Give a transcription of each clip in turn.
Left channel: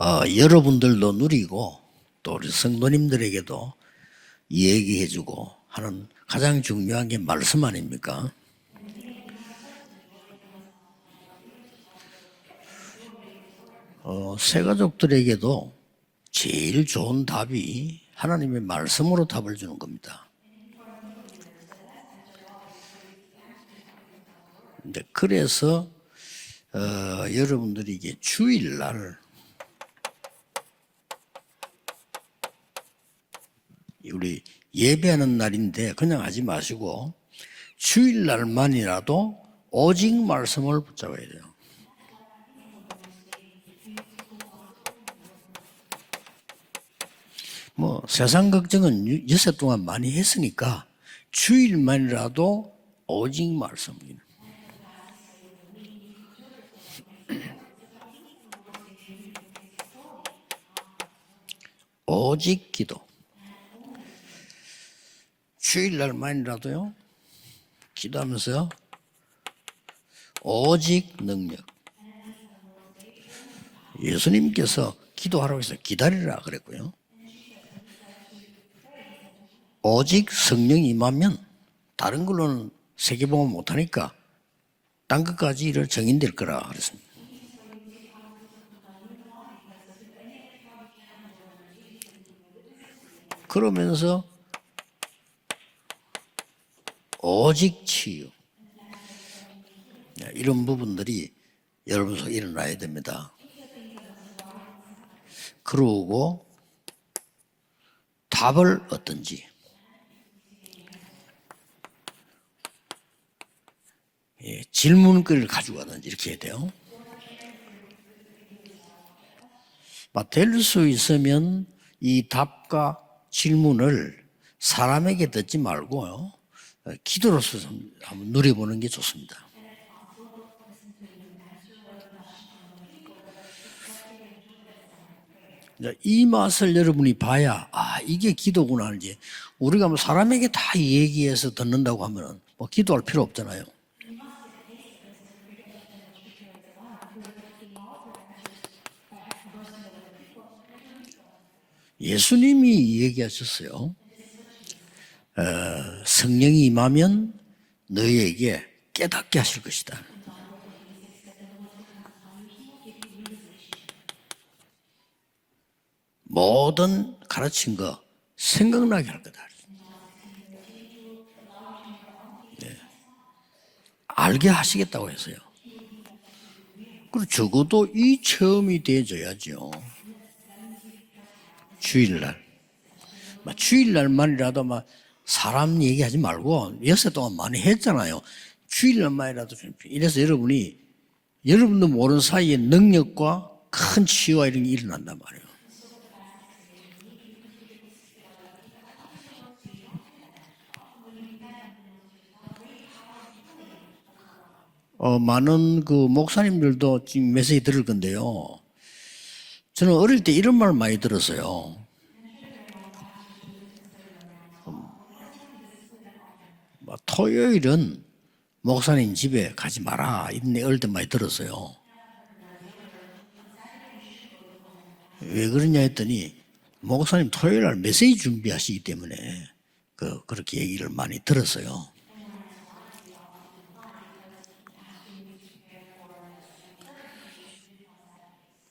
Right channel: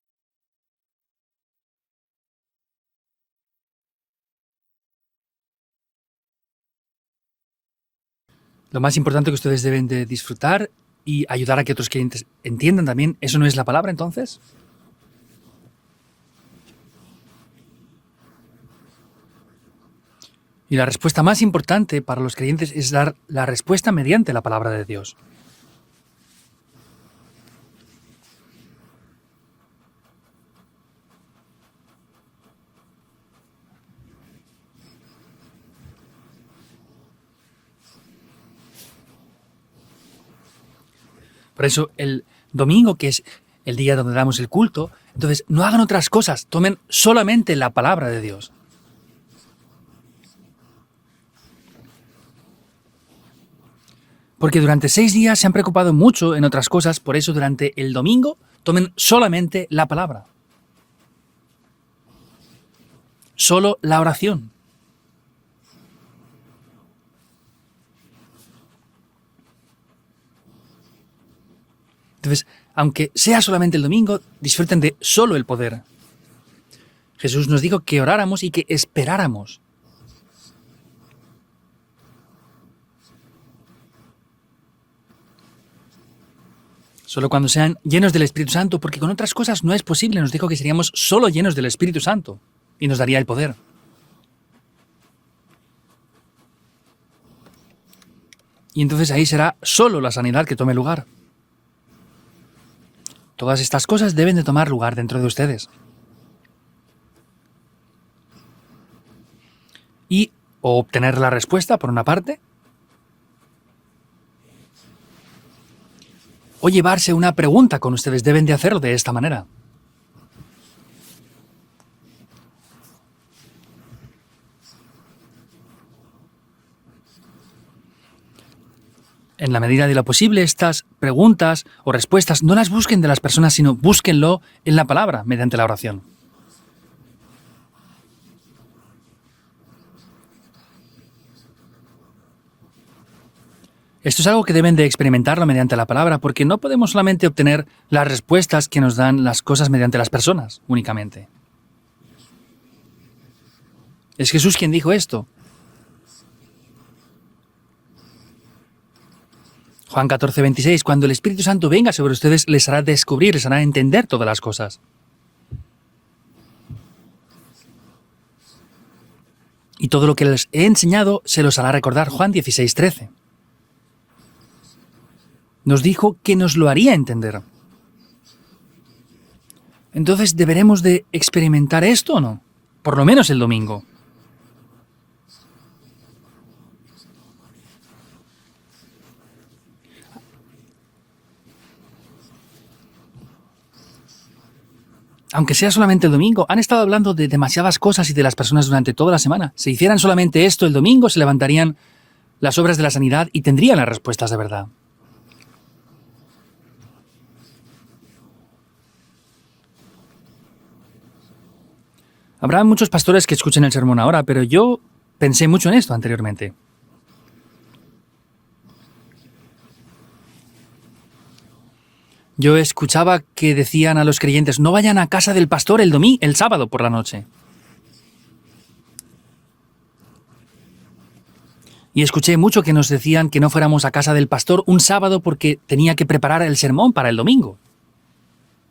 여러분들도 누리고 또 우리 성도님들에게도 얘기해주고 하는 가장 중요한 게 말씀 아닙니까? Lo más importante que ustedes deben de disfrutar y ayudar a que otros clientes entiendan también, ¿eso no es la palabra entonces? 새가족들에게도 제일 좋은 답이 하나님의 말씀으로 답을 주는 겁니다. Y la respuesta más importante para los creyentes es dar la respuesta mediante la palabra de Dios. 그래서 여러분들이 이게 주일날 우리 예배하는 날인데 그냥 하지 마시고 주일날만이라도 오직 말씀을 붙잡아야 돼요. Por eso el domingo, que es el día donde damos el culto, entonces no hagan otras cosas, tomen solamente la palabra de Dios. 세상 걱정은 여섯 동안 많이 했으니까 주일만이라도 오직 말씀입니다. Porque durante 6 días se han preocupado mucho en otras cosas, por eso durante el domingo tomen solamente la palabra, 오직 기도. solo la oración. 주일날만이라도요. 기도하면서요. 오직 능력. Entonces, aunque sea solamente el domingo, disfruten de solo el poder. 기다리라 그랬고요. Jesús nos dijo que oráramos y que esperáramos. 오직 성령이 임하면 다른 걸로는 세계복음 못하니까 딴 것까지 이를 정인될 거라 그랬습니다. Solo cuando sean llenos del Espíritu Santo, porque con otras cosas no es posible. Nos dijo que seríamos solo llenos del Espíritu Santo y nos daría el poder. 그러면서 오직 치유. Y entonces ahí será solo la sanidad que tome lugar. 부분들이 여러분 속에 일어나야 됩니다. Todas estas cosas deben de tomar lugar dentro de ustedes. 그러고 답을 얻든지 Y o obtener la respuesta, por una parte, 질문거리를 가지고 가든지 이렇게 해야 돼요. o llevarse una pregunta con ustedes. Deben de hacerlo de esta manera. 될 수 있으면 이 답과 질문을 사람에게 듣지 말고요. 기도로서 한번 누려보는 게 좋습니다. En la medida de lo posible, estas preguntas o respuestas no las busquen de las personas, sino búsquenlo en la palabra, mediante la oración. 이 맛을 여러분이 봐야 이게 기도구나 이제 우리가 뭐 사람에게 다 얘기해서 듣는다고 하면 뭐 기도할 필요 없잖아요. Esto es algo que deben de experimentarlo mediante la palabra, porque no podemos solamente obtener las respuestas que nos dan las cosas mediante las personas únicamente. 예수님이 얘기하셨어요. Es Jesús quien dijo esto. 성령이 임하면 너희에게 깨닫게 하실 것이다. Juan 14:26, cuando el Espíritu Santo venga sobre ustedes, les hará descubrir, les hará entender todas las cosas. 모든 가르친 거 생각나게 할 거다. Y todo lo que les he enseñado se los hará recordar. Juan 16:13. 알게 하시겠다고 했어요. Nos dijo que nos lo haría entender. 적어도 이 체험이 돼줘야죠. Entonces, ¿deberemos de experimentar esto o no? Por lo menos el domingo. 주일날만이라도 막 사람 얘기하지 말고 여섯 동안 많이 했잖아요. 주일날만이라도 좀 이래서 여러분도 모르는 사이에 능력과 큰 치유와 이런 게 일어난단 말이에요. Aunque sea solamente el domingo, han estado hablando de demasiadas cosas y de las personas durante toda la semana. Si hicieran solamente esto el domingo, se levantarían las obras de la sanidad y tendrían las respuestas de verdad. 많은 그 목사님들도 지금 메시지 들을 건데요. 저는 어릴 때 이런 말 많이 들었어요. Habrá muchos pastores que escuchen el sermón ahora, pero yo pensé mucho en esto anteriormente. 토요일은 목사님 집에 가지 마라 이런 얘기 어릴 때 많이 들었어요. Yo escuchaba que decían a los creyentes, no vayan a casa del pastor el sábado por la noche. 목사님 토요일날 메시지 준비하시기 때문에 그렇게 얘기를 많이 들었어요. Y escuché mucho que nos decían que no fuéramos a casa del pastor un sábado porque tenía que preparar el sermón para el domingo.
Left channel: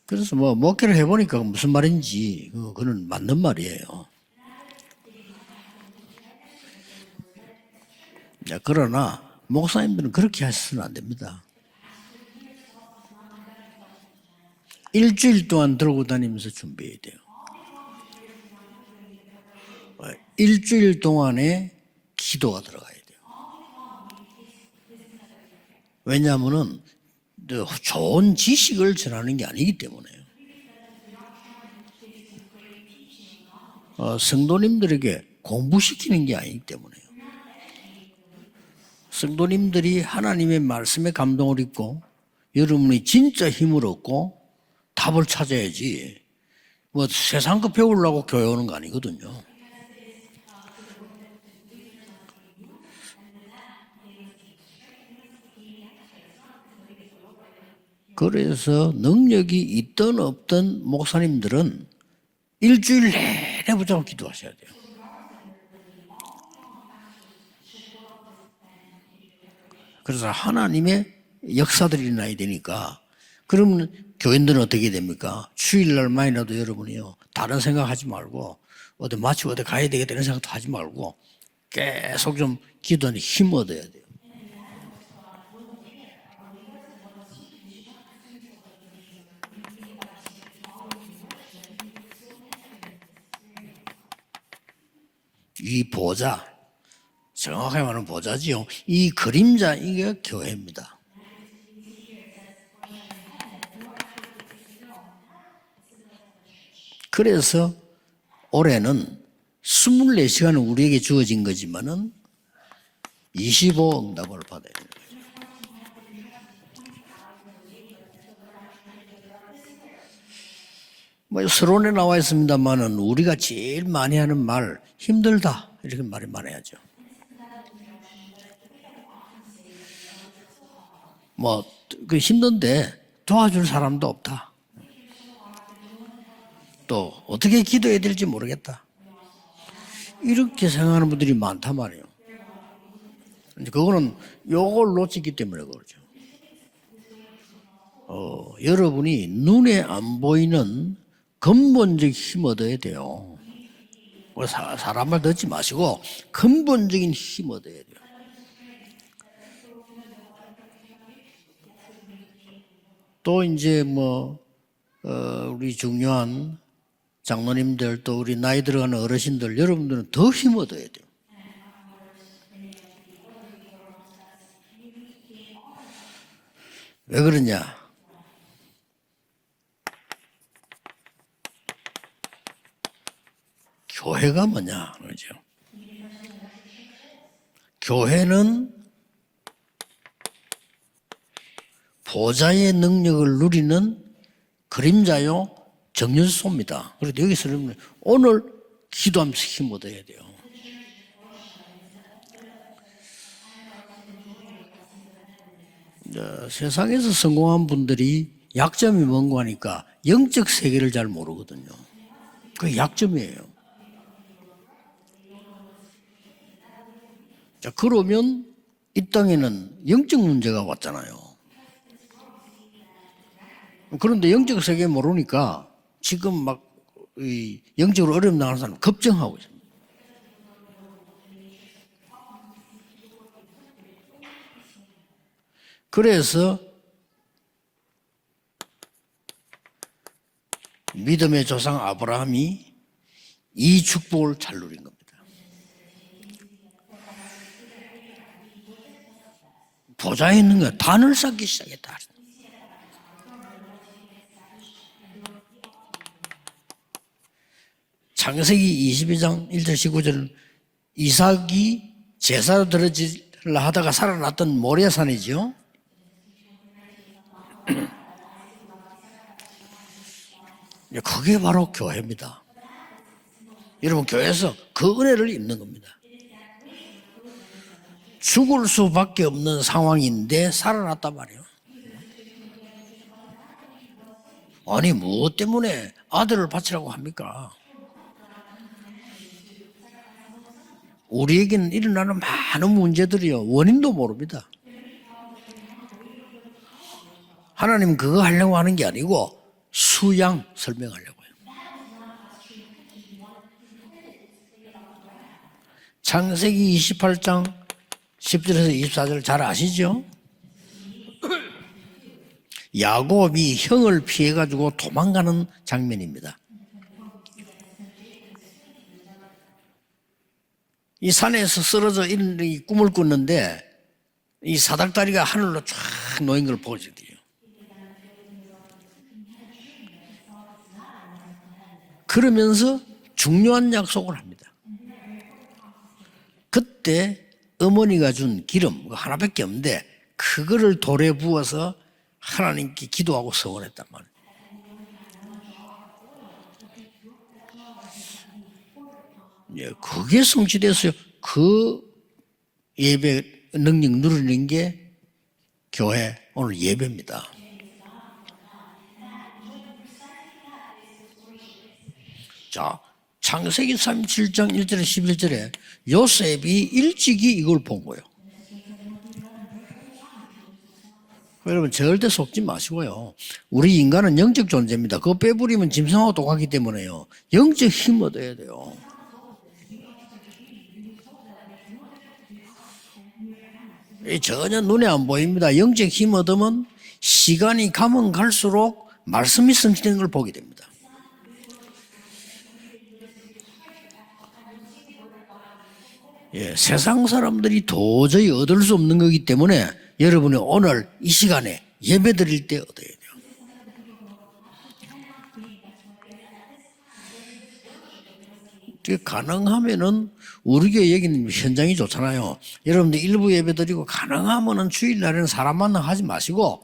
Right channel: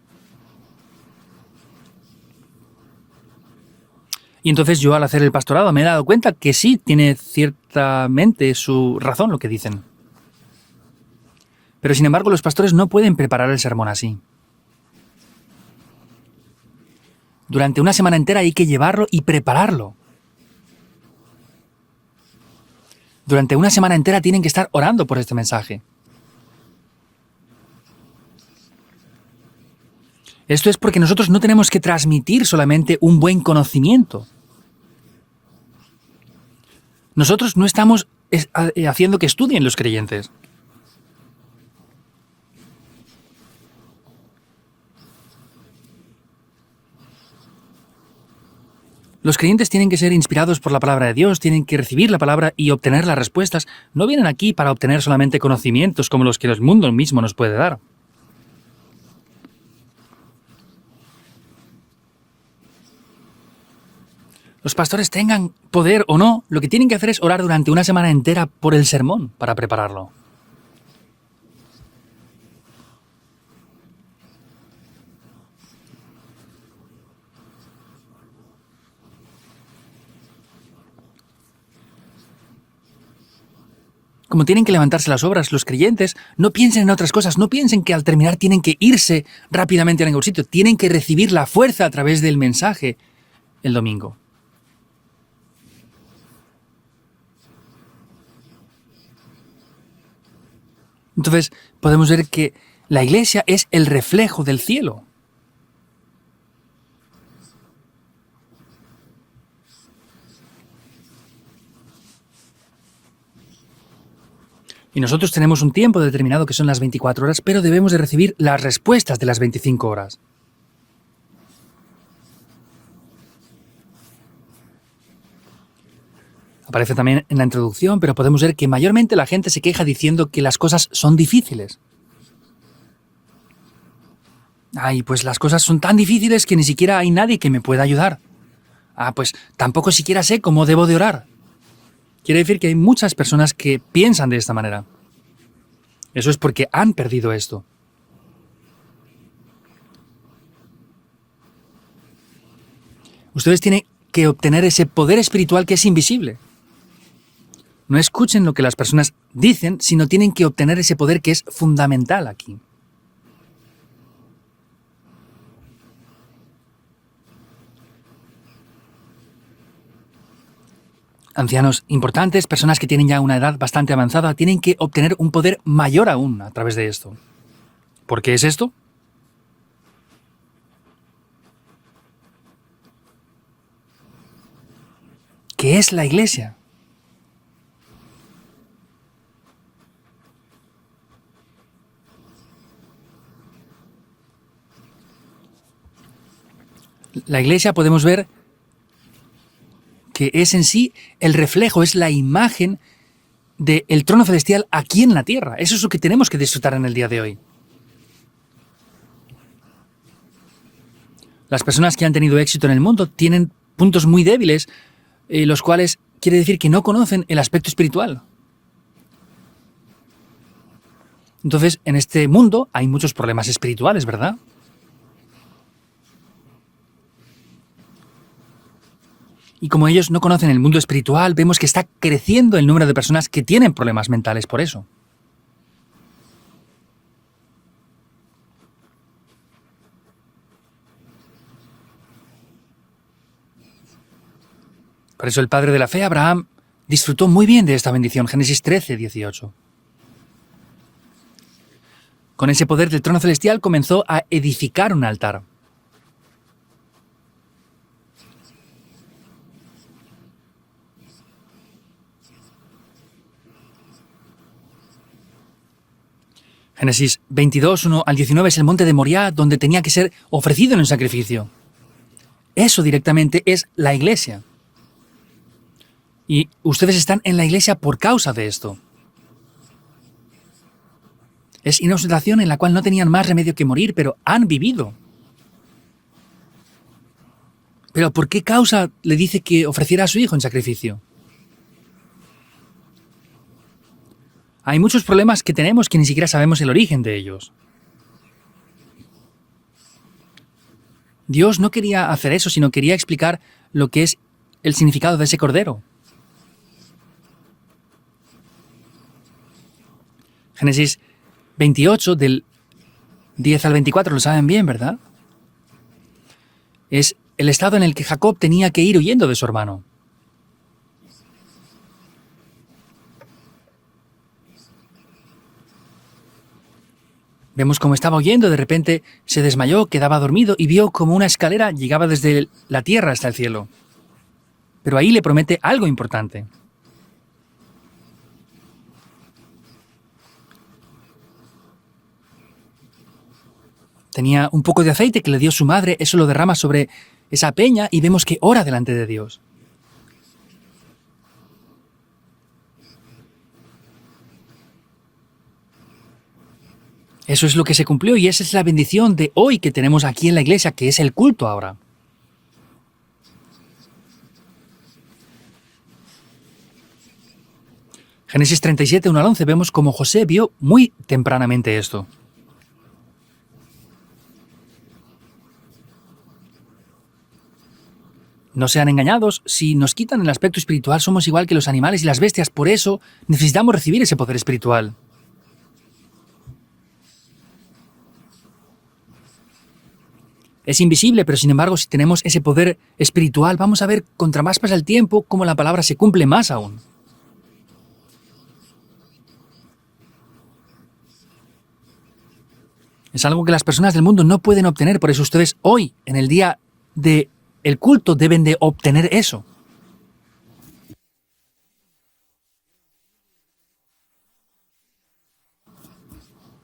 그래서 목회를 해보니까 무슨 말인지 그건 맞는 말이에요. Y entonces yo al hacer el pastorado me he dado cuenta que sí, tiene ciertamente su razón lo que dicen. 목사님들은 그렇게 하시면 안 됩니다. Pero sin embargo los pastores no pueden preparar el sermón así. 일주일 동안 들고 다니면서 준비해야 돼요. Durante una semana entera hay que llevarlo y prepararlo. 일주일 동안에 기도가 들어가야 돼요. Durante una semana entera tienen que estar orando por este mensaje. 왜냐하면은 좋은 지식을 전하는 게 아니기 때문에. Esto es porque nosotros no tenemos que transmitir solamente un buen conocimiento. 성도님들에게 공부시키는 게 아니기 때문에. Nosotros no estamos haciendo que estudien los creyentes. 하나님의 말씀에 감동을 입고 여러분이 진짜 힘을 얻고 답을 찾아야지. 세상 거 배우려고 교회 오는 거 아니거든요. Los creyentes tienen que ser inspirados por la palabra de Dios, tienen que recibir la palabra y obtener las respuestas. No vienen aquí para obtener solamente conocimientos como los que el mundo mismo nos puede dar. 그래서 능력이 있든 없든 목사님들은 일주일 내내 붙잡고 기도하셔야 돼요. Los pastores tengan poder o no, lo que tienen que hacer es orar durante una semana entera por el sermón para prepararlo. 그래서 하나님의 역사들이 일어나야 되니까 그러면 교인들은 어떻게 됩니까? 주일날만이라도 여러분이요 다른 생각하지 말고 어디 마치고 어디 가야 되겠다 이런 생각도 하지 말고 계속 좀 기도하는 힘 얻어야 돼요. Como tienen que levantarse las obras, los creyentes no piensen en otras cosas, no piensen que al terminar tienen que irse rápidamente a ningún sitio, tienen que recibir la fuerza a través del mensaje el domingo. 이 보좌, 정확하게 말하면 보좌지요. 이 그림자 이게 교회입니다. Entonces podemos ver que la iglesia es el reflejo del cielo. 그래서 올해는 24시간은 우리에게 주어진 거지만은 25 응답을 받아야 돼요. Y nosotros tenemos un tiempo determinado que son las 24 horas, pero debemos de recibir las respuestas de las 25 horas. 뭐 서론에 나와 있습니다만은 우리가 제일 많이 하는 말 힘들다 이렇게 말이 많아야죠. Aparece también en la introducción, pero podemos ver que mayormente la gente se queja diciendo que las cosas son difíciles. 그 힘든데 도와줄 사람도 없다. Ay, pues las cosas son tan difíciles que ni siquiera hay nadie que me 어떻게 pueda 기도해야 ayudar. 될지 모르겠다. Ah, pues tampoco siquiera sé 이렇게 cómo debo de 생각하는 orar. 분들이 많단 말이에요. Quiere decir que hay muchas personas que 요거는 piensan de esta manera. 요걸 놓치기 때문에 그렇죠. Eso es porque han perdido esto. 여러분이 눈에 안 보이는 근본적 힘 얻어야 돼요. Ustedes tienen que obtener ese poder espiritual que es invisible. 근본적인 힘 얻어야 돼요. No escuchen lo que las personas dicen, sino tienen que obtener ese poder que es fundamental aquí. 또 이제 우리 중요한 장로님들 또 우리 나이 들어가는 어르신들 여러분들은 더 힘 얻어야 돼요. Ancianos importantes, personas que tienen ya una edad bastante avanzada, tienen que obtener un poder mayor aún a través de esto. 왜 그러냐? ¿Por qué es esto? 교회가 뭐냐? 그러죠. ¿Qué es la iglesia? 교회는 보좌의 능력을 누리는 그림자요 정연소입니다. La iglesia podemos ver 오늘 기도하면서 힘 얻어야 돼요. que es en sí el reflejo, es la imagen del trono celestial aquí en la tierra. Eso es lo que tenemos que disfrutar en el día 세상에서 de hoy. 성공한 분들이 약점이 뭔가 하니까 영적 세계를 잘 모르거든요. Las personas que han tenido éxito en el mundo tienen puntos muy débiles, los cuales quiere decir que no conocen el aspecto espiritual. 그러면 이 땅에는 영적 문제가 왔잖아요. Entonces, en este mundo hay muchos problemas espirituales, 그런데 ¿verdad? 영적 세계 모르니까 지금 막 영적으로 어려움 당하는 사람 걱정하고 있어요. Y como ellos no conocen el mundo espiritual, vemos que está creciendo el número de personas que tienen problemas mentales por eso. 그래서 믿음의 조상 아브라함이 이 축복을 잘 누린 겁니다. Por eso el padre de la fe, Abraham, disfrutó muy bien de esta bendición. Génesis 13, 18. 보좌에 있는 거 단을 쌓기 시작했다. Con ese poder del trono celestial comenzó a edificar un altar. 창세기 22장 1절 19절 이삭이 제사로 드려지려 하다가 살아났던 모리아산이죠. Génesis 22, 1 al 19 es el monte de Moriah, donde tenía que ser ofrecido en un 그게 sacrificio. 바로 교회입니다. Eso directamente es la iglesia. 교회에서 그 은혜를 입는 겁니다. Y ustedes están en la iglesia por causa de 죽을 esto. 수밖에 없는 상황인데 살아났단 말이에요. Es una situación en la cual no tenían más remedio que morir, pero han vivido. 아니 무엇 때문에 아들을 바치라고 합니까? Pero ¿por qué causa le dice que ofreciera a su hijo en sacrificio? 우리에게는 일어나는 많은 문제들이요 원인도 모릅니다. Hay muchos problemas que tenemos que ni siquiera sabemos el origen de ellos. 하나님 그거 하려고 하는 게 아니고 수양 설명하려고요. Dios no quería hacer eso, sino quería explicar lo que es el significado de ese cordero. 창세기 28장 10절에서 24절 잘 아시죠? Génesis 28 del 야곱이 10 al 형을 24 lo saben bien, 피해가지고 ¿verdad? 도망가는 장면입니다. es el estado en el que Jacob tenía que ir huyendo de su hermano. 이 산에서 쓰러져 있는 이 꿈을 꿨는데 이 사닥다리가 하늘로 쫙 놓인 걸 보거든요. Vemos cómo estaba huyendo, de repente se desmayó, quedaba dormido y vio como una escalera llegaba desde 그러면서 la tierra hasta el cielo. 중요한 약속을 합니다. Pero ahí le promete algo importante. 그때 어머니가 준 기름 하나밖에 없는데 그거를 돌에 부어서 하나님께 기도하고 서원했단 말이에요. Tenía un poco de aceite que le dio su madre, eso lo derrama sobre esa peña y vemos que ora delante de Dios. 예, 그게 성취됐어요. 그 예배 능력 누리는 게 교회 오늘 예배입니다. Eso es lo que se cumplió y esa es la bendición de hoy que tenemos aquí en la iglesia, que es el culto ahora. 자, 창세기 37장 1절에 11절에 요셉이 일찍이 이걸 본 거예요. Génesis 37, 1 al 11, vemos como José vio muy tempranamente 여러분 esto. 절대 속지 마시고요. 우리 인간은 영적 존재입니다. 그거 빼버리면 짐승하고 똑같기 때문에요. 영적 힘 얻어야 돼요. No sean engañados, si nos quitan el aspecto espiritual somos igual que los animales y las bestias, por eso necesitamos recibir ese poder 전혀 눈에 espiritual. 안 보입니다. 영적 힘 얻으면 시간이 가면 갈수록 말씀이 성취되는 걸 보게 됩니다. Es invisible, pero sin embargo, si tenemos ese poder espiritual, vamos a ver, contra más pasa el tiempo, cómo la palabra se cumple más aún. 세상 사람들이 도저히 얻을 수 없는 거기 때문에 여러분이 오늘 이 시간에 예배 드릴 때 얻어야 돼요. Es algo que las personas del mundo no pueden obtener, por eso ustedes hoy, en el día del culto, deben de obtener eso. 가능하면은 우리 교회 여기는 현장이 좋잖아요. 여러분들 일부 예배 드리고 가능하면은 주일날에는 사람 만나 하지 마시고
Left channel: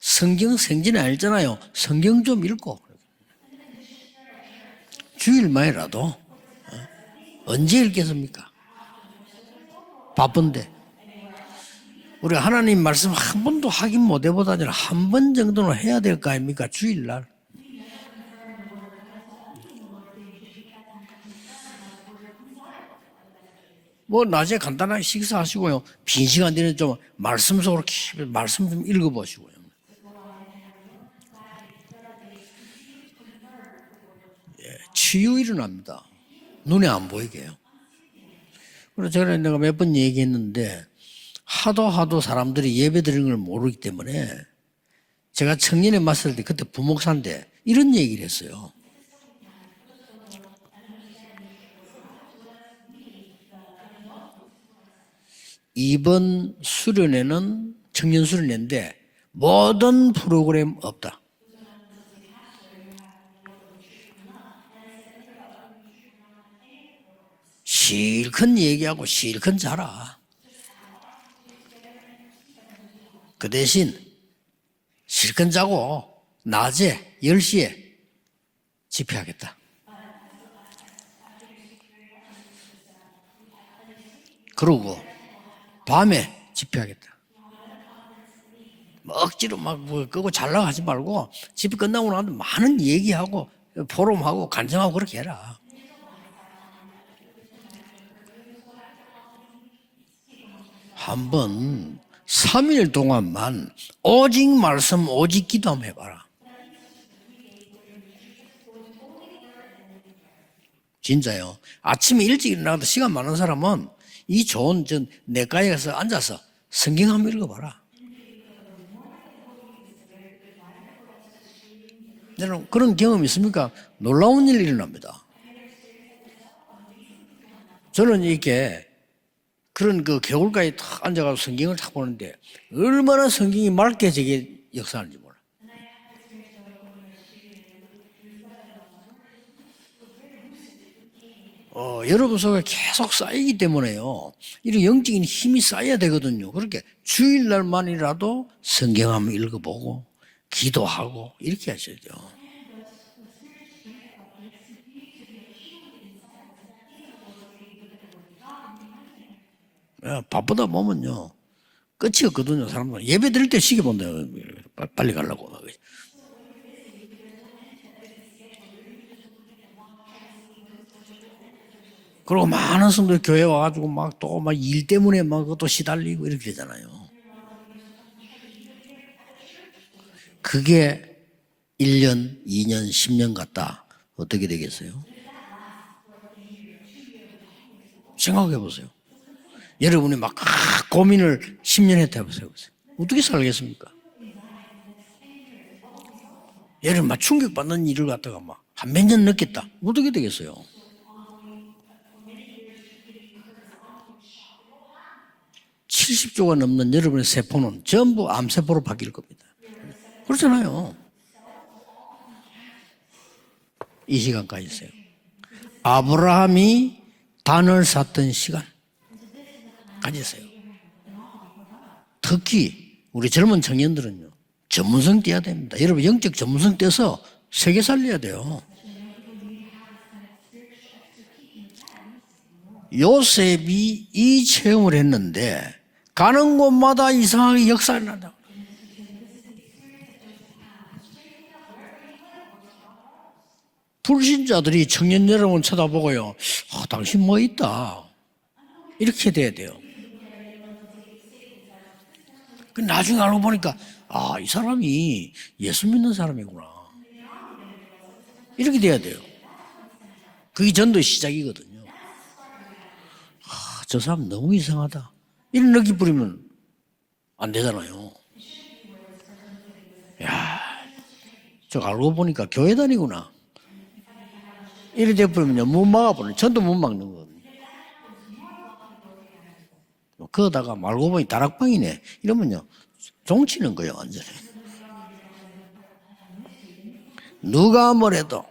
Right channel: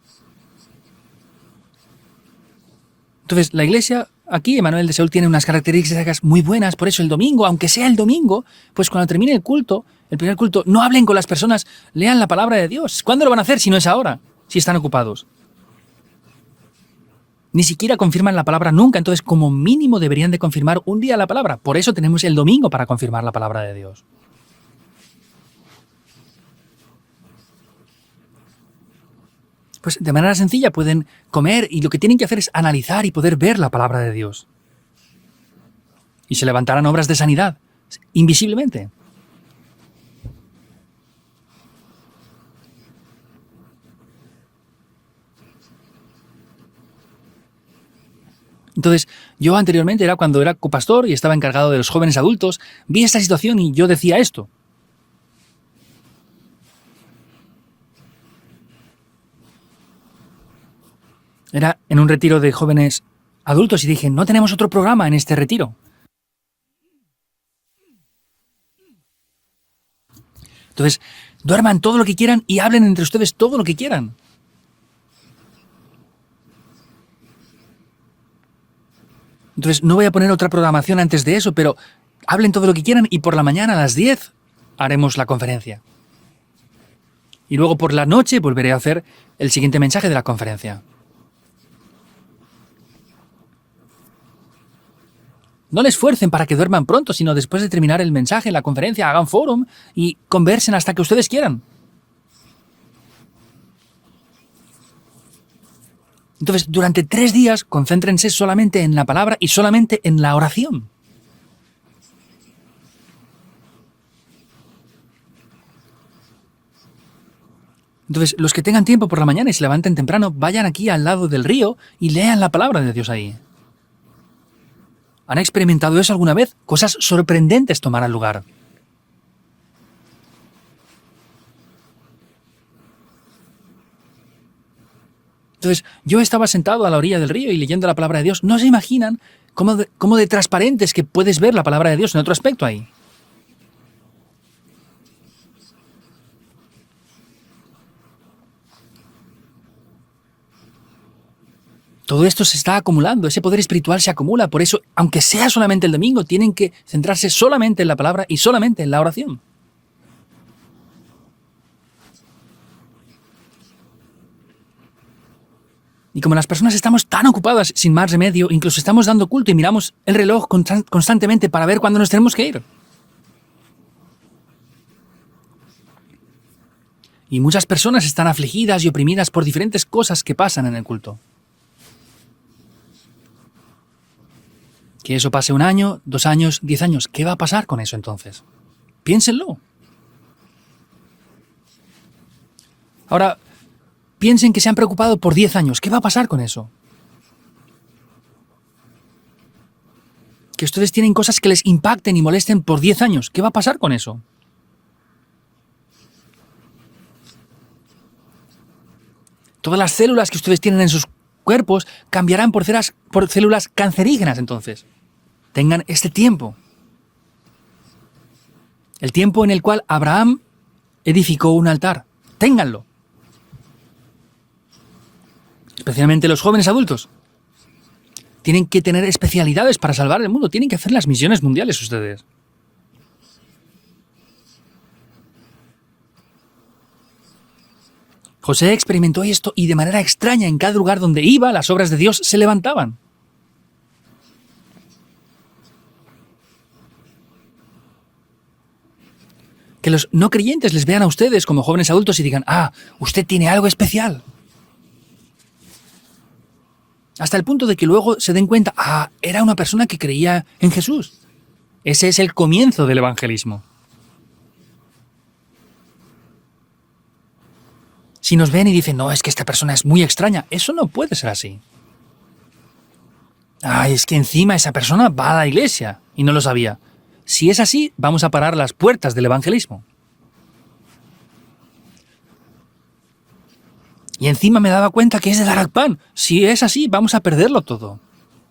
성경 생진이 알잖아요. 성경 좀 읽고. Entonces, la iglesia aquí, Emanuel de Seúl, tiene unas características muy buenas, por eso el domingo, aunque sea el domingo, pues cuando termine el culto, el primer culto, no hablen con las personas, lean la palabra de Dios. ¿Cuándo lo van a hacer si no es ahora? Si están ocupados. 한 번 정도는 해야 될 거 아닙니까? 주일날. Ni siquiera confirman la palabra nunca, entonces como mínimo deberían de confirmar un día la palabra. Por eso tenemos el domingo para confirmar la palabra de Dios. 뭐 낮에 간단하게 식사하시고요. 빈 시간 되는 좀 말씀 속으로 말씀 좀 읽어보시고요. Pues de manera sencilla pueden comer y lo que tienen que hacer es analizar y poder ver la palabra de Dios. 치유 일어납니다. Y se levantarán obras de sanidad, invisiblemente. 그래서 제가 내가 몇 번 얘기했는데 하도 사람들이 예배 드리는 걸 모르기 때문에 제가 청년에 맞설 때 그때 부목사인데 이런 얘기를 했어요. Entonces, yo anteriormente era cuando era copastor y estaba encargado de los jóvenes adultos, vi esta situación y yo decía esto. 이번 수련회는 청년 수련회인데 모든 프로그램 없다. Era en un retiro de jóvenes adultos y dije, no tenemos otro programa en este retiro. 실컷 얘기하고 실컷 자라. Entonces, duerman todo lo que quieran y hablen entre ustedes todo lo que quieran. 실컷 자고 낮에 10시에 집회하겠다. Entonces, no voy a poner otra programación antes de eso, pero hablen todo lo que quieran y por la mañana a las 10 그러고 haremos la conferencia. 밤에 집회하겠다. Y luego por la noche volveré a hacer el siguiente mensaje de la 잘라 하지 conferencia. 말고 집회 끝나고 나면 많은 얘기하고 포럼하고 간증하고 그렇게 해라. No les esfuercen para que duerman pronto, sino después de terminar el mensaje, la conferencia, hagan forum y conversen hasta que ustedes quieran. 3일 동안만 오직 말씀 오직 기도 한번 해봐라. Entonces, durante 3 días, concéntrense solamente en la palabra y solamente en la oración. 진짜요. 아침에 일찍 일어나도 시간 많은 사람은 이 좋은 내과에 가서 앉아서 성경 한번 읽어봐라. Entonces, los que tengan tiempo por la mañana y se levanten temprano, vayan aquí al lado del río y lean la palabra de 그런 Dios 경험 ahí. 있습니까? 놀라운 일 일어납니다. ¿Han experimentado eso alguna vez? Cosas sorprendentes tomarán 저는 lugar. 이렇게 그런 그 겨울가에 탁 앉아가지고 성경을 탁 보는데 얼마나 성경이 맑게 저게 역사하는지 몰라요. Entonces, yo estaba sentado a la orilla del río y leyendo la palabra de Dios. No se imaginan cómo de transparentes que puedes ver la palabra de Dios en otro aspecto ahí. 계속 쌓이기 때문에요. 이런 영적인 힘이 쌓여야 되거든요. 그렇게 주일날만이라도 성경 한번 읽어보고 기도하고 이렇게 하셔야 돼요. Todo esto se está acumulando, ese poder espiritual se acumula. Por eso, aunque sea solamente el domingo, tienen que centrarse solamente en la palabra y solamente en la oración. 바쁘다 보면요. 끝이 없거든요. 사람들 예배 드릴 때 시계 본다. 빨리 가려고. Y como las personas estamos tan ocupadas sin más remedio, incluso estamos dando culto y miramos el reloj constantemente para ver cuándo nos tenemos que ir. 많은 사람들 교회 와가지고 막 또 막 일 때문에 막 또 시달리고 이렇게 되잖아요. Y muchas personas están afligidas y oprimidas por diferentes cosas que pasan en el 그게 culto. 1년, 2년, 10년 갔다 어떻게 되겠어요? Que eso pase 1 año, 2 años, 10 años. ¿Qué va a pasar con eso entonces? 생각해 보세요. Piénsenlo. 여러분이 막 고민을 10년 했다 해보세요. 어떻게 Ahora- 살겠습니까? Piensen que se han preocupado por 10 años. ¿Qué va a pasar con eso? 여러분 막 충격받는 일을 갖다가 막 한 몇 년 넣겠다. 어떻게 되겠어요? Que ustedes tienen cosas que les impacten y molesten por 10 años. ¿Qué va a pasar con eso? 70조가 넘는 여러분의 세포는 전부 암세포로 바뀔 겁니다. Todas las células que ustedes tienen en sus cuerpos cambiarán por células cancerígenas entonces. Tengan este tiempo. 아브라함이 단을 샀던 시간. El tiempo en el cual Abraham edificó un altar. 특히 Ténganlo. 우리 젊은 청년들은요. 전문성 띄어야 됩니다. Especialmente los jóvenes adultos. 세계 살려야 돼요. Tienen que tener especialidades para salvar el mundo. Tienen que hacer las misiones mundiales ustedes. 요셉이 이 체험을 했는데 가는 곳마다 이상하게 역사가 난다. José experimentó esto y de manera extraña en cada lugar donde iba, las obras de Dios se levantaban. 불신자들이 청년 여러분 쳐다보고요. 당신 뭐 있다. 이렇게 돼야 돼요. Que los no creyentes les vean a ustedes como jóvenes adultos y digan, ah, usted tiene algo especial. 이 사람이 예수 믿는 사람이구나. Hasta el punto de que luego se den cuenta, 이렇게 돼야 ah, 돼요. era una persona que creía 그게 en 전도 Jesús. 시작이거든요. Ese es el comienzo del evangelismo. 저 사람 너무 이상하다. 이런 느낌 부리면 안 되잖아요. Si nos ven y dicen, no, es que esta persona es muy extraña, eso no puede ser así. 저 알고 보니까 교회 다니구나. Ay, es que encima esa persona va a la iglesia y no lo sabía. Si es así, vamos a parar las puertas del evangelismo. 그러다가 말고 보니 다락방이네. 이러면요. 종치는 거예요, 완전. Y encima me daba cuenta que es de Darakpan. Si es así, vamos a perderlo 누가 todo. 뭐래도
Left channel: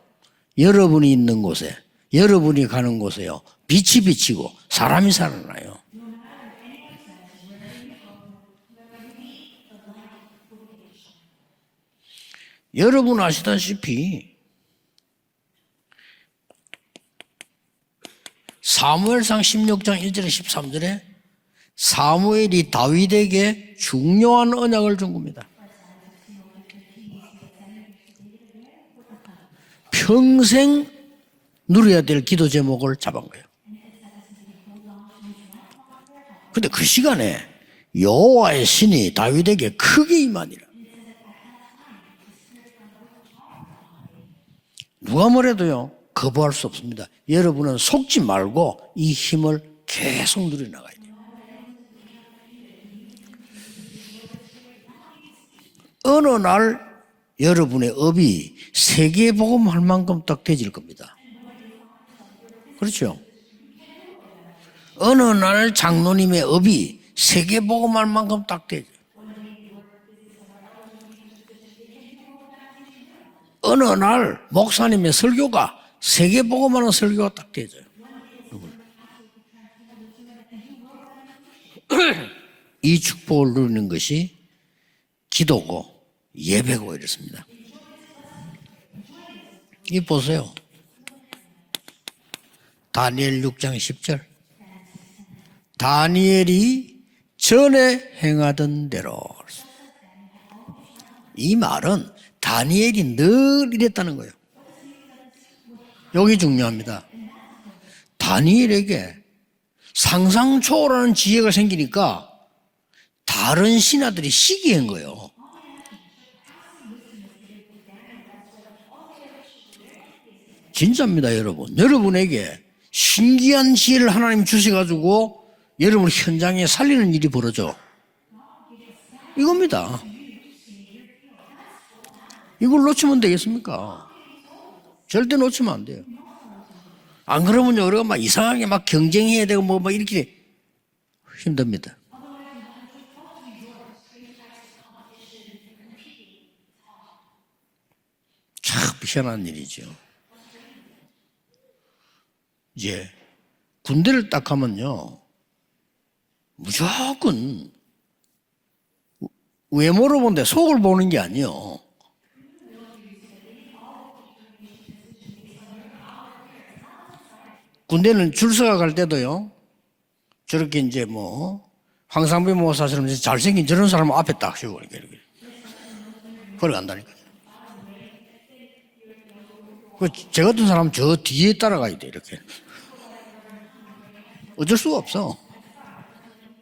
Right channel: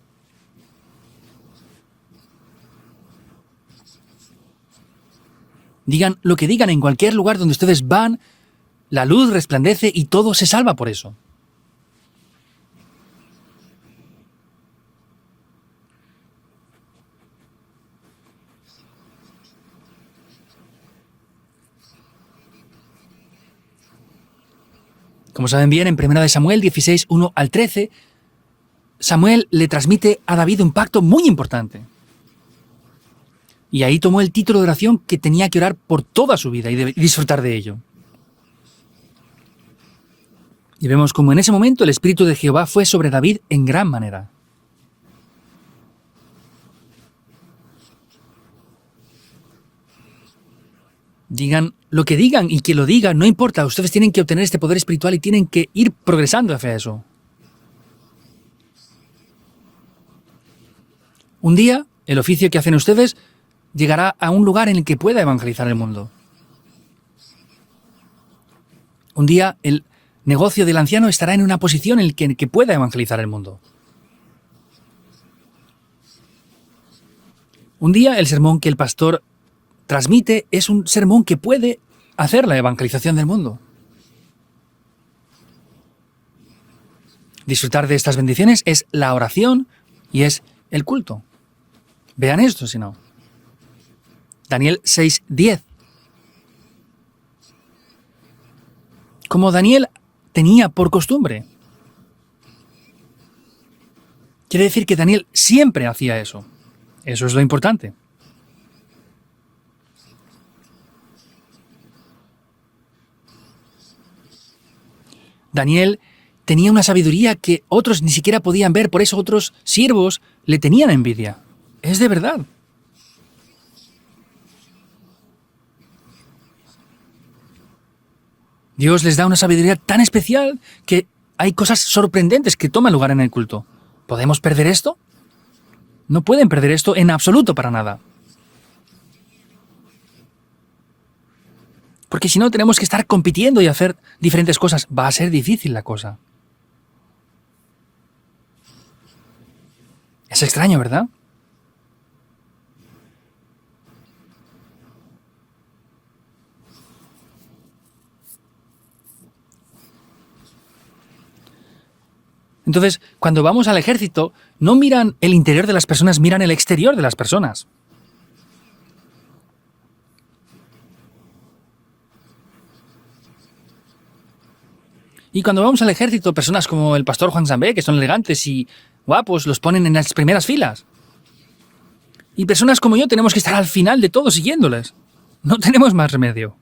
여러분이 있는 곳에, 여러분이 가는 곳에요. 빛이 비치고 사람이 살아나요. Digan lo que digan en cualquier lugar donde ustedes van, la luz resplandece y todo se salva por eso. 여러분 아시다시피 사무엘상 16장 1절에 13절에 사무엘이 다윗에게 중요한 언약을 준 겁니다. Como saben bien, en 1 de Samuel 16, 1 al 13, Samuel le transmite a David un pacto muy importante. 누려야 될 기도 제목을 잡은 거예요. Y ahí tomó el título de oración que tenía que orar por toda su vida 근데 y 그 disfrutar de ello. 여호와의 신이 다윗에게 크게 임하니라. Y vemos como en ese momento el Espíritu de Jehová fue sobre David en gran manera. 누가 뭐래도요 거부할 수 없습니다. 여러분은 속지 말고 이 힘을 계속 누려나가야 돼요. Digan lo que digan y que lo digan, no importa. Ustedes tienen que obtener este poder espiritual y tienen que ir progresando hacia eso. 여러분의 업이 세계 복음할 만큼 딱 되질 겁니다. Un día, el oficio que hacen ustedes llegará a un lugar en el que pueda 어느 evangelizar 날 el mundo. 장로님의 업이 세계 복음할 만큼 딱 되죠. Un día, el negocio del anciano estará en una posición en la que pueda evangelizar el mundo. 어느 날 목사님의 설교가 세계 복음하는 설교가 딱 되죠. Un día, el sermón que el pastor transmite es un sermón que puede hacer la 이 evangelización del 축복을 mundo. 누리는 것이 기도고 예배고 이렇습니다. Disfrutar de estas bendiciones es la oración Y y es poseo. el culto. Vean esto, si no. 다니엘 6장 10절. Daniel 6:10. 다니엘이 전에 행하던 대로. Como Daniel tenía por costumbre. 이 말은 다니엘이 늘 이랬다는 거예요. Quiere decir que Daniel siempre hacía 여기 eso. 중요합니다. Eso es lo importante. 다니엘에게 상상 초월하는 지혜가 생기니까 다른 신하들이 시기한 거예요. Daniel tenía una sabiduría que otros ni siquiera podían ver, por eso otros siervos le tenían envidia. 진짜입니다, 여러분. Es de verdad. 여러분에게 신기한 지혜를 하나님 주셔가지고 여러분 현장에 살리는 일이 벌어져. Dios les da una sabiduría Mira. tan especial que hay cosas sorprendentes que ¿Cómo toman no lugar en el 되겠습니까? culto. ¿Podemos perder esto? 절대 놓치면 안 돼요. No pueden perder esto en 안 absoluto para 그러면 nada. 우리가 막 이상하게 막 경쟁해야 되고 뭐 이렇게 힘듭니다. Porque si no tenemos que estar compitiendo y hacer diferentes cosas, va a ser difícil la cosa. 참 희한한 일이죠. Es extraño, ¿verdad? 이제 군대를 딱 가면요 무조건 외모로 본데 속을 보는 게 아니요. Entonces, cuando vamos al ejército, no miran el interior de las personas, miran el exterior de las personas. 군대는 줄서가 갈 때도요 저렇게 이제 뭐 황상배 모사처럼 잘생긴 저런 사람 앞에 딱 세우고 이렇게. Y cuando vamos al ejército, personas como el pastor Juan Zambé, que son elegantes y guapos, los ponen en las primeras 저 같은 filas. 사람 저 뒤에 따라가야 돼 이렇게. Y personas como yo tenemos que estar al final de todo 어쩔 siguiéndoles. 수가 없어. No tenemos más remedio.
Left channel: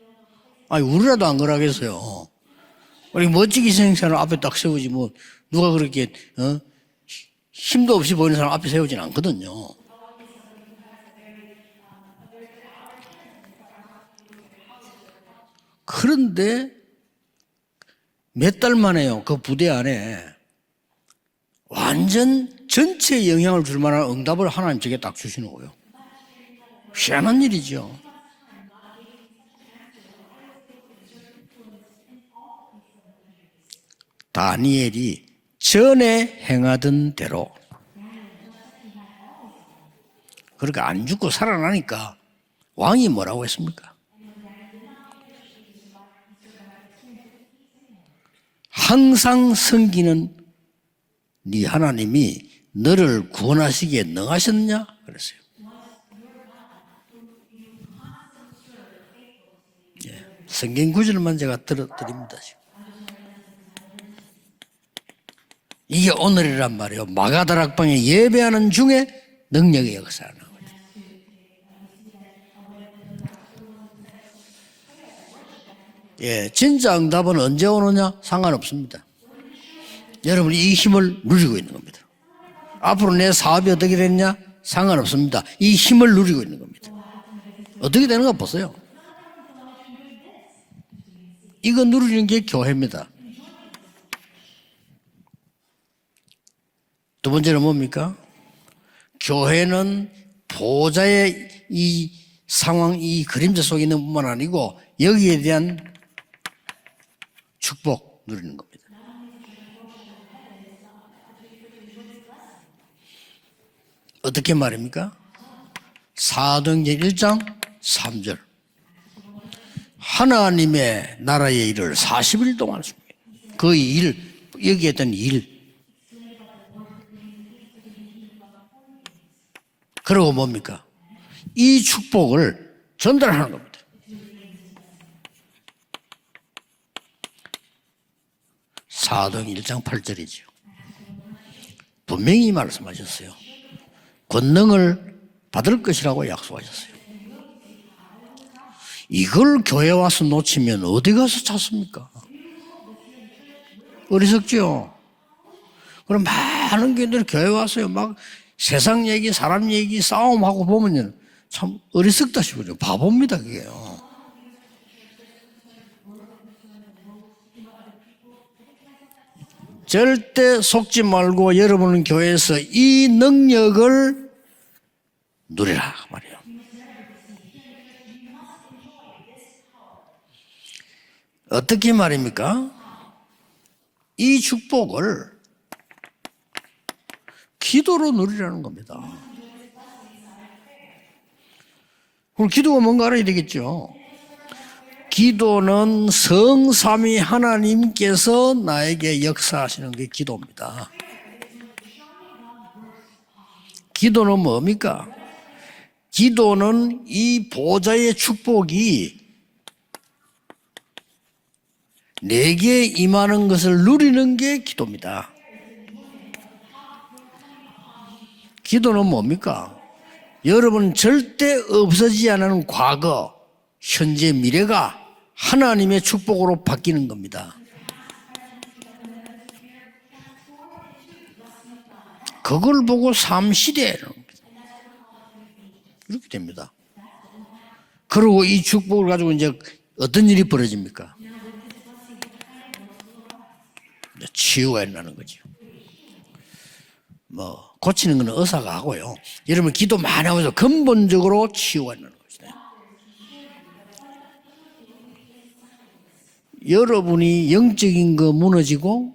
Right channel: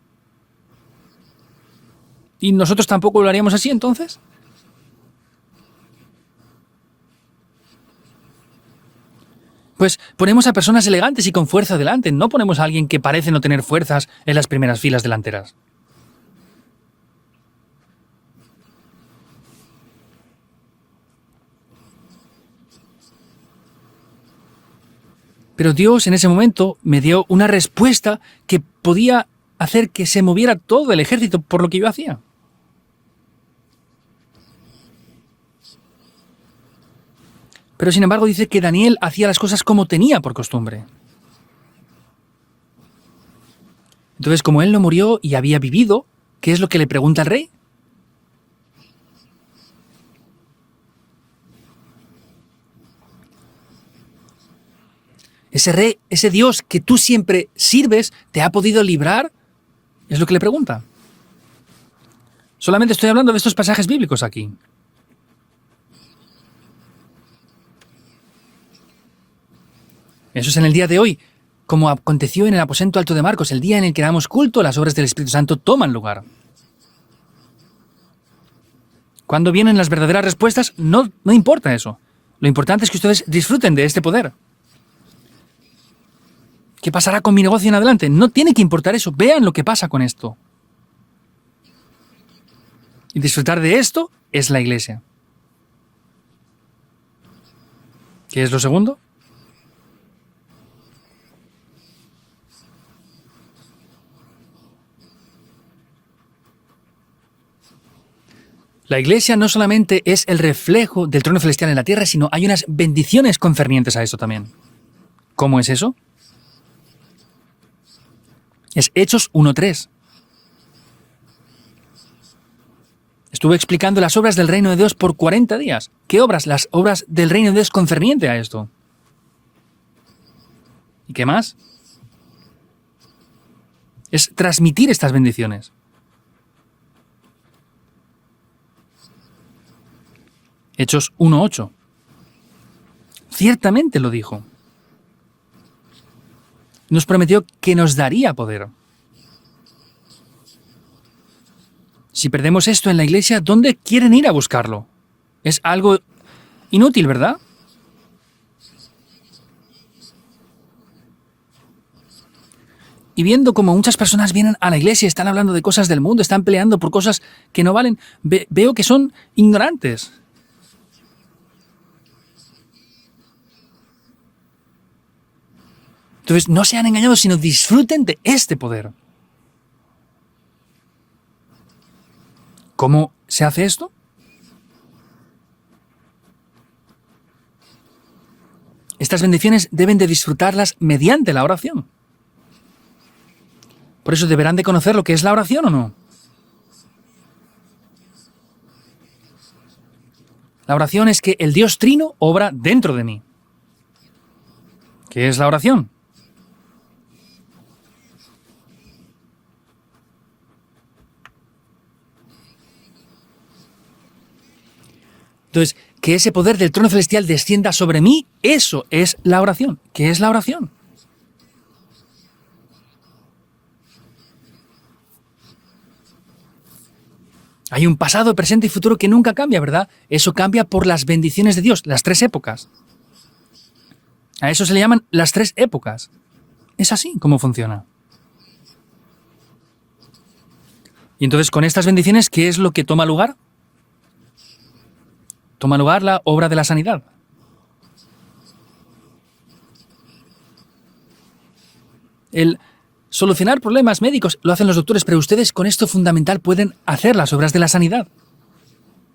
아니 우리라도 안 그러겠어요. Y nosotros tampoco lo haríamos así. 멋지게 생긴 Entonces. 사람 앞에 딱 세우지 뭐 누가 그렇게 힘도 없이 보이는 사람 앞에 세우진 않거든요. Pues ponemos a personas elegantes y con fuerza delante. No ponemos a alguien que parece no tener fuerzas en las primeras filas delanteras. 그런데 몇 달 만에요. 그 부대 안에 완전 전체에 영향을 줄 만한 응답을 하나님 제게 딱 주시는 거예요. Pero Dios en ese momento me dio Shaman una Dios. respuesta que podía hacer que se moviera todo el ejército por lo que yo hacía. 다니엘이 전에 행하던 대로 Pero sin embargo dice que Daniel hacía las cosas como tenía por costumbre. 그러니까 안 죽고 살아나니까 왕이 뭐라고 했습니까? Entonces, como él no murió y había vivido, ¿qué es lo que le pregunta al rey? 항상 섬기는 네 하나님이 너를 구원하시기에 능하셨냐? 그랬어요. Ese rey, ese Dios que tú siempre sirves, ¿te ha podido librar? Es lo que le pregunta. 성경 구절만 제가 드립니다. Solamente estoy hablando de estos pasajes bíblicos aquí. 이게 오늘이란 말이에요. 마가다락방에 예배하는 중에 능력의 역사. Eso es en el día de hoy. Como aconteció en el aposento alto de Marcos, el día en el que damos culto, las obras del Espíritu Santo toman lugar. 예, 진짜 응답은 언제 오느냐 상관없습니다. Cuando vienen las verdaderas respuestas, no importa eso. Lo importante es que 앞으로 ustedes 내 disfruten 사업이 de este 어떻게 poder. 되느냐 상관없습니다. 이 힘을 누리고 있는 겁니다. ¿Qué pasará con mi negocio en adelante? 어떻게 No 되나 tiene que 보세요. importar eso. Vean lo que pasa con esto. 이거 누리는 게 교회입니다. Y disfrutar de esto es la iglesia. 두 번째는 뭡니까? ¿Qué es lo segundo? 교회는 보좌의 이 상황, 이 그림자 속에 있는 뿐만 아니고 여기에 대한 축복 누리는 겁니다. La iglesia no solamente es el reflejo del trono celestial en la tierra, sino hay unas bendiciones concernientes a eso también. 어떻게 말입니까? ¿Cómo es eso? 사도행전 1장 3절. Es Hechos 1.3. 하나님의 나라의 일을 40일 동안 하십니다. Estuve explicando las obras del reino de Dios por 40 días. ¿Qué obras? Las obras del reino de Dios concerniente a esto. 그리고 뭡니까? ¿Y qué más? 이 축복을 전달하는 겁니다. Es transmitir estas bendiciones. 사도행 1장 8절이죠. Hechos 1.8. 분명히 말씀하셨어요. Ciertamente lo dijo. 권능을 받을 것이라고 약속하셨어요. Nos prometió que nos daría poder. 이걸 교회 와서 놓치면 어디 가서 찾습니까? Si perdemos esto en la iglesia, ¿dónde quieren ir a 어디서 buscarlo? Es algo 그럼 많은 inútil, 분들 ¿verdad? 교회 와서요 막 세상 얘기, 사람 얘기 싸움하고 보면요 참 어리석다 싶어요. Y 바보입니다. viendo 그게. como muchas personas vienen a la iglesia y están hablando de cosas del mundo, están peleando por cosas que no valen, veo que son ignorantes. 절대 속지 말고 여러분은 교회에서 이 능력을 누리라. 말이에요. Entonces, no sean engañados, sino disfruten de este poder. 어떻게 말입니까? ¿Cómo se hace esto? 이 축복을 기도로 누리라는 겁니다. Estas bendiciones deben de disfrutarlas mediante la oración. 그럼 기도가 뭔가 알아야 되겠죠. Por eso deberán de conocer lo que es la oración, ¿o no? 기도는 성삼위 하나님께서 나에게 역사하시는 게 기도입니다. La oración es que el Dios Trino obra dentro de mí. 기도는 뭡니까? ¿Qué es la oración? 기도는 이 보좌의 축복이 내게 임하는 것을 누리는 게 기도입니다. Entonces, que ese poder del trono celestial descienda sobre mí, eso 기도는 es 뭡니까? la oración. ¿Qué es la oración? 여러분 절대 없어지지 않는 과거, 현재, 미래가 하나님의 축복으로 바뀌는 겁니다. Hay un pasado, presente y futuro que nunca cambia, ¿verdad? Eso cambia por las bendiciones de Dios, las tres épocas. 그걸 보고 삼시대는 A eso se le llaman las tres épocas. 그렇게 됩니다. Es así como funciona. 그리고 이 축복을 가지고 이제 어떤 일이 벌어집니까? Y entonces, con estas bendiciones, ¿qué es lo que toma lugar? 치유가 일어나는 거죠. Toma lugar la obra de la sanidad. 뭐 고치는 건 의사가 하고요. 여러분 기도 많이 하면서 근본적으로 치유가 일어나는 거죠. El solucionar problemas médicos lo hacen los doctores, pero ustedes con esto fundamental pueden hacer las 여러분이 obras de la sanidad. 영적인 거 무너지고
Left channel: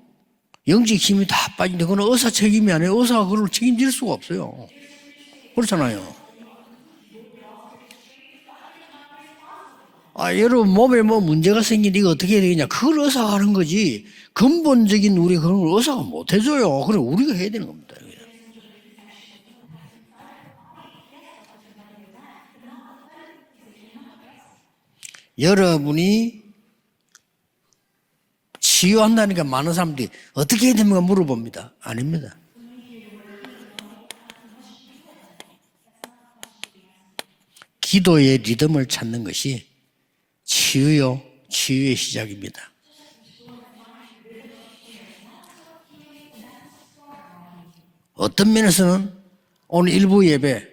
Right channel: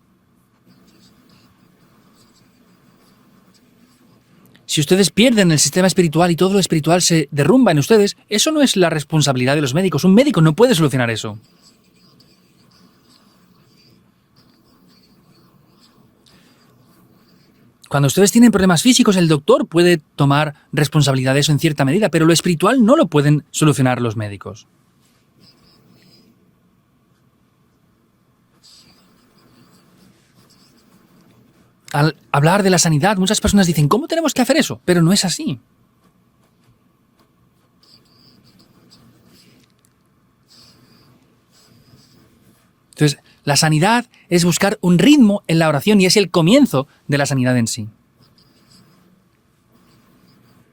영적 힘이 다 빠진데 그건 의사 책임이 아니에요. 의사가 그걸 책임질 수가 없어요. Si ustedes pierden el sistema Escúchame. espiritual y todo lo espiritual se derrumba en ustedes, eso no es la responsabilidad de los médicos. Un médico no puede 여러분 몸에 solucionar 뭐 eso. 문제가 생기니까 어떻게 해야 되겠냐. 그걸 의사가 하는 거지. 근본적인 우리 그런 걸 의사가 못 해줘요. 그래 우리가 해야 되는 겁니다. Cuando ustedes tienen problemas físicos, el doctor puede tomar responsabilidad de eso en cierta medida, pero lo espiritual no lo pueden solucionar los médicos. 여러분이 치유한다니까 많은 사람들이 어떻게 해야 됩니까 물어봅니다. Al 아닙니다. hablar de la sanidad, muchas personas dicen, ¿cómo tenemos que hacer eso? Pero no es así. 기도의 리듬을 찾는 것이 치유의 시작입니다. Entonces, la sanidad es buscar un ritmo en la oración y es el comienzo de la sanidad en sí. 어떤 면에서는 오늘 일부 예배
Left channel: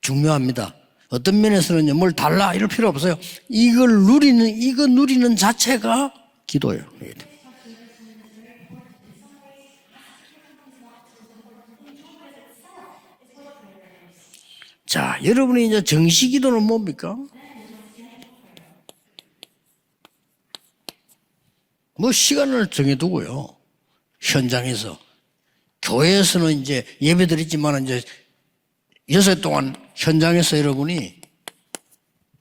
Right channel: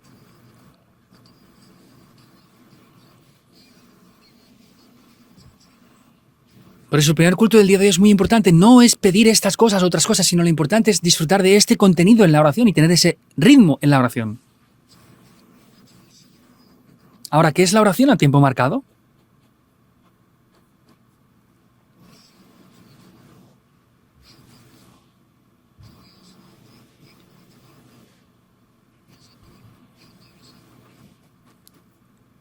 중요합니다. 어떤 면에서는 뭘 달라 이럴 필요 없어요. 이거 누리는 자체가 기도예요. Por eso el primer culto del día de hoy es muy importante. No es pedir estas cosas o otras cosas, sino lo importante es disfrutar de este contenido en la oración y tener ese ritmo en la oración. 자, 여러분이 이제 정시 기도는 뭡니까? Ahora, ¿qué es la oración a tiempo marcado? 뭐 시간을 정해두고요. 현장에서 교회에서는 이제 예배드리지만 이제 6일 동안 현장에서 여러분이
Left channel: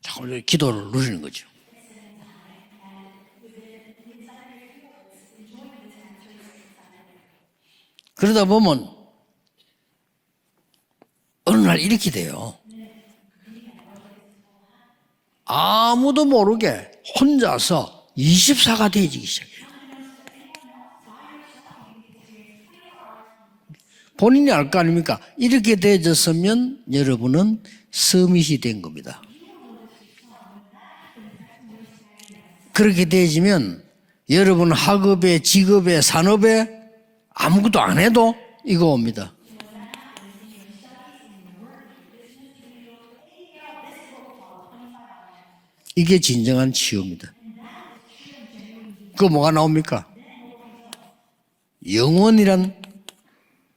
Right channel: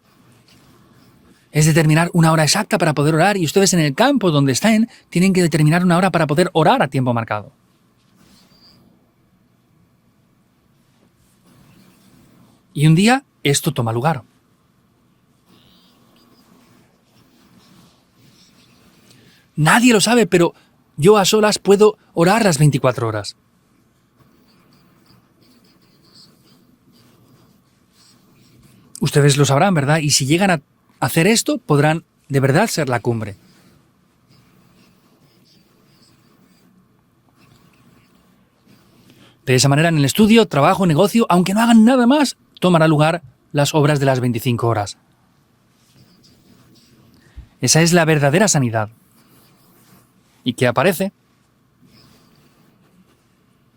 잠깐 기도를 누리는 거죠. Es determinar una hora exacta para poder orar y ustedes en el campo donde estén tienen que determinar una hora para poder orar a tiempo marcado. 그러다 보면 어느 날 이렇게 돼요. Y un día esto toma lugar. 아무도 모르게 혼자서 24가 되어지기 시작해요. Nadie lo sabe, pero yo a solas puedo orar las 24 horas. 본인이 알 거 아닙니까? 이렇게 되어졌으면 여러분은 서밋이 된 겁니다. Ustedes lo sabrán, ¿verdad? Y si llegan a hacer esto, podrán de verdad ser la 그렇게 cumbre. 되어지면 여러분 학업에 직업에 산업에 아무것도 안 해도 이거 옵니다. De esa manera, en el estudio, trabajo, negocio, aunque no hagan nada más, tomará lugar las obras de las 25 horas. 이게 진정한 치유입니다. Esa es la verdadera sanidad. 그 뭐가 나옵니까? ¿Y qué aparece? 영원이란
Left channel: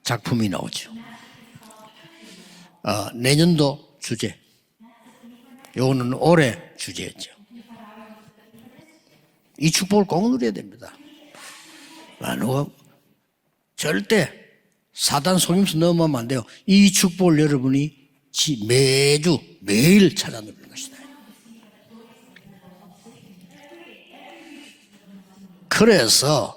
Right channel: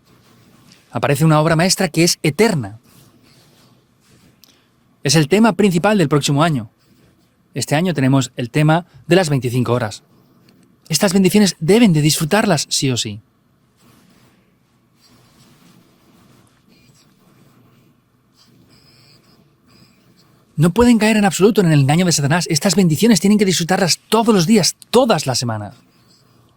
작품이 나오죠. Aparece una obra maestra que es eterna. 내년도 주제. Es el tema principal del 이거는 próximo 올해 año. 주제였죠. Este año tenemos el tema de las 이 25 horas. 축복을 꼭 누려야 됩니다. Estas bendiciones deben de disfrutarlas sí o sí. 절대 사단 속임수 넘으면 안 돼요. 이 축복을 여러분이 매주 매일 찾아 누려. No pueden caer en absoluto en el engaño de Satanás. Estas bendiciones tienen que disfrutarlas todos los días, todas las semanas. 그래서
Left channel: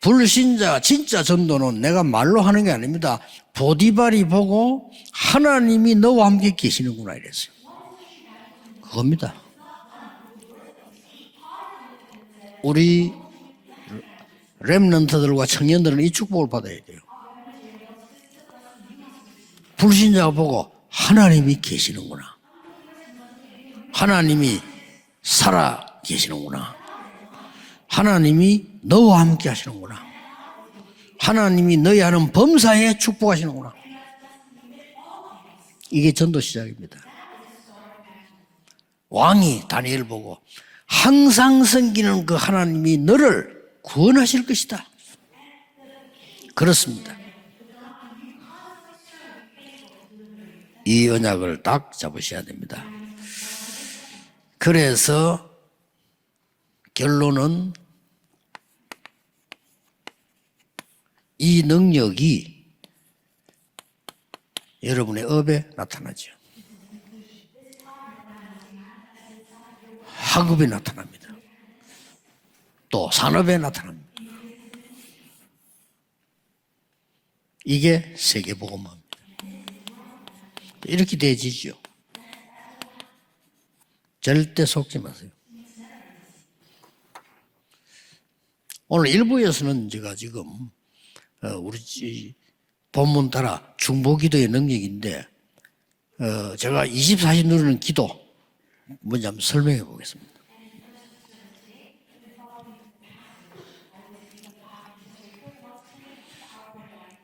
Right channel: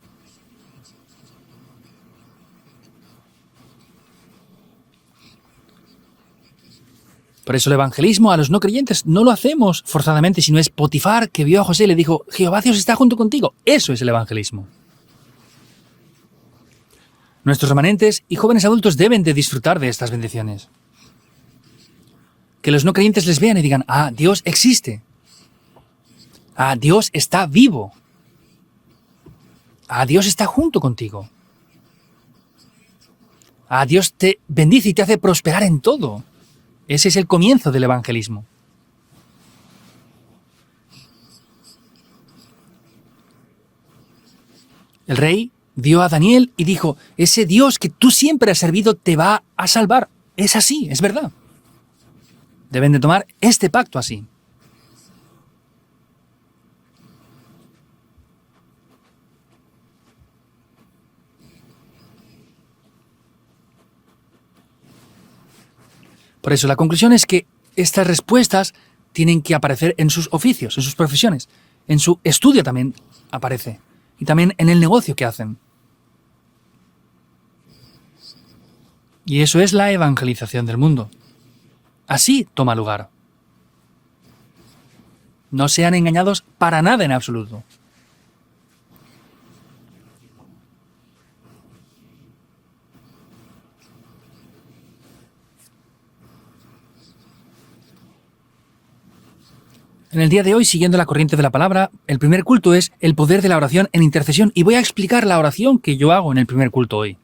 불신자 진짜 전도는 내가 말로 하는 게 아닙니다. 보디발이 보고 하나님이 너와 함께 계시는구나 이랬어요. Por eso el evangelismo a los no creyentes no lo hacemos forzadamente, sino es Potifar que vio a José y le dijo, Jehová Dios está junto contigo. Eso es el evangelismo. 렘넌트들과 청년들은 이 축복을 받아야 돼요. Nuestros remanentes y jóvenes adultos deben de disfrutar de estas 불신자가 bendiciones. 보고 하나님이 계시는구나. Que los no creyentes les vean y digan, ah, Dios 하나님이 existe. 살아 계시는구나. Ah, Dios está vivo. 하나님이 너와 함께 하시는구나. Ah, Dios está junto contigo. 하나님이 너희 하는 범사에 축복하시는구나. Ah, Dios te bendice y te hace prosperar en todo. 이게 전도 시작입니다. Ese es el comienzo del evangelismo. 왕이 다니엘 보고 항상 섬기는 그 하나님이 너를 구원하실 것이다. El rey vio a Daniel y dijo, 그렇습니다. ese Dios que tú siempre has servido te va a salvar. Es así, es 이 verdad. 언약을 딱 잡으셔야 됩니다. Deben de tomar este pacto así. 그래서 결론은 이 능력이 여러분의 업에 나타나죠. Por eso la conclusión es que estas respuestas tienen que aparecer en sus oficios, en sus profesiones, en su estudio también. 또 산업에 aparece. 나타납니다. Y también en el negocio que hacen. 이게 세계복음입니다. Y eso es la evangelización del mundo. 이렇게 되어지죠. Así toma lugar. 절대 속지 마세요. No sean engañados para nada en absoluto. 오늘 일부에서는 제가 지금 우리 본문 따라 중보기도의 능력인데 제가 24시 누리는 기도 뭔지 한번 설명해 보겠습니다. En el día de hoy, siguiendo la corriente de la palabra, el primer culto es el poder de la oración en intercesión. Y voy a explicar la oración que yo hago en el primer culto hoy.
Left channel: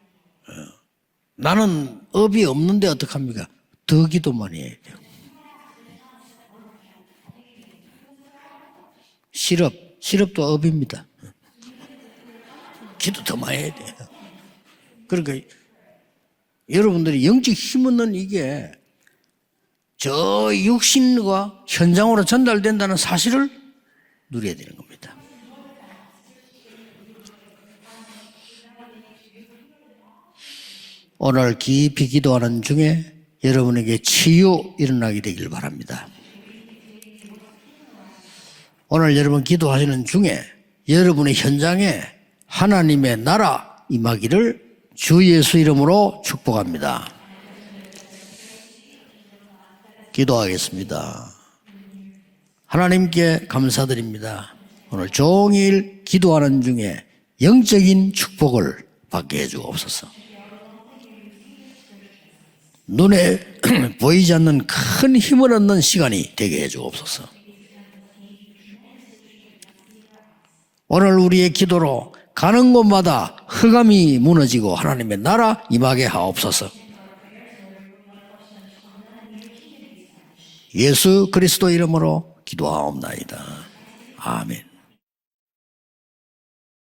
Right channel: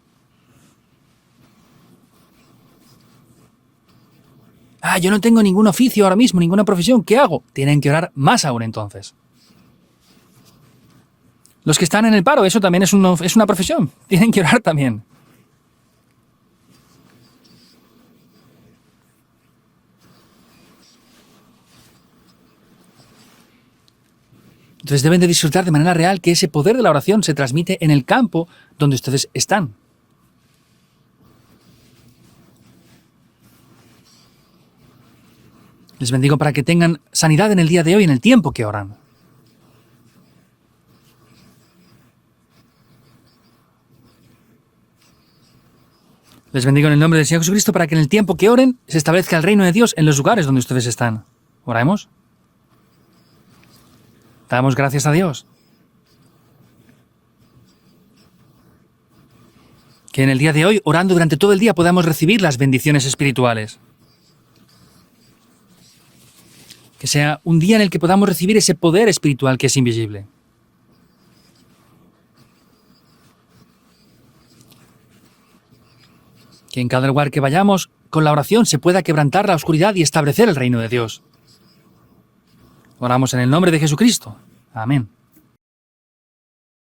나는 업이 없는데 어떡합니까? 더 기도만 해. Ah, yo no tengo ningún oficio ahora mismo, ninguna profesión. ¿Qué hago? Tienen que orar más aún entonces. 실업도 업입니다. Los que están en el paro, eso también es una profesión. Tienen que orar también. 그러니까 여러분들이 영적 힘 얻는 이게 저 육신과 현장으로 전달된다는 사실을 누려야 되는 겁니다. Entonces deben de disfrutar de manera real que ese poder de la oración se transmite en el campo donde ustedes están. 오늘 깊이 기도하는 중에 여러분에게 치유 일어나게 되길 바랍니다. Les bendigo para que tengan sanidad en el día de hoy, en el tiempo que oran. 오늘 여러분 기도하시는 중에 여러분의 현장에 하나님의 나라 임하기를 주 예수 이름으로 Les bendigo en el 축복합니다. nombre del Señor Jesucristo para que en el tiempo que oren se establezca el reino de Dios en los lugares donde ustedes están. Oremos. 하나님께 감사드립니다. Damos gracias a 오늘 Dios. 종일 기도하는 중에 영적인 축복을 받게 해주옵소서. Que en el día de hoy, orando durante todo el día, podamos recibir las bendiciones 눈에 espirituales. 보이지 않는 큰 힘을 얻는 시간이 되게 Que 해주옵소서. sea un día en el que podamos recibir ese poder espiritual que es invisible. 오늘 우리의 기도로 가는 곳마다 흑암이 무너지고 하나님의 나라 임하게 하옵소서. Que en cada lugar que vayamos, con la oración se pueda quebrantar la oscuridad y establecer el reino de Dios. 예수 그리스도 이름으로 기도하옵나이다. Oramos en el nombre de Jesucristo. 아멘. Amén.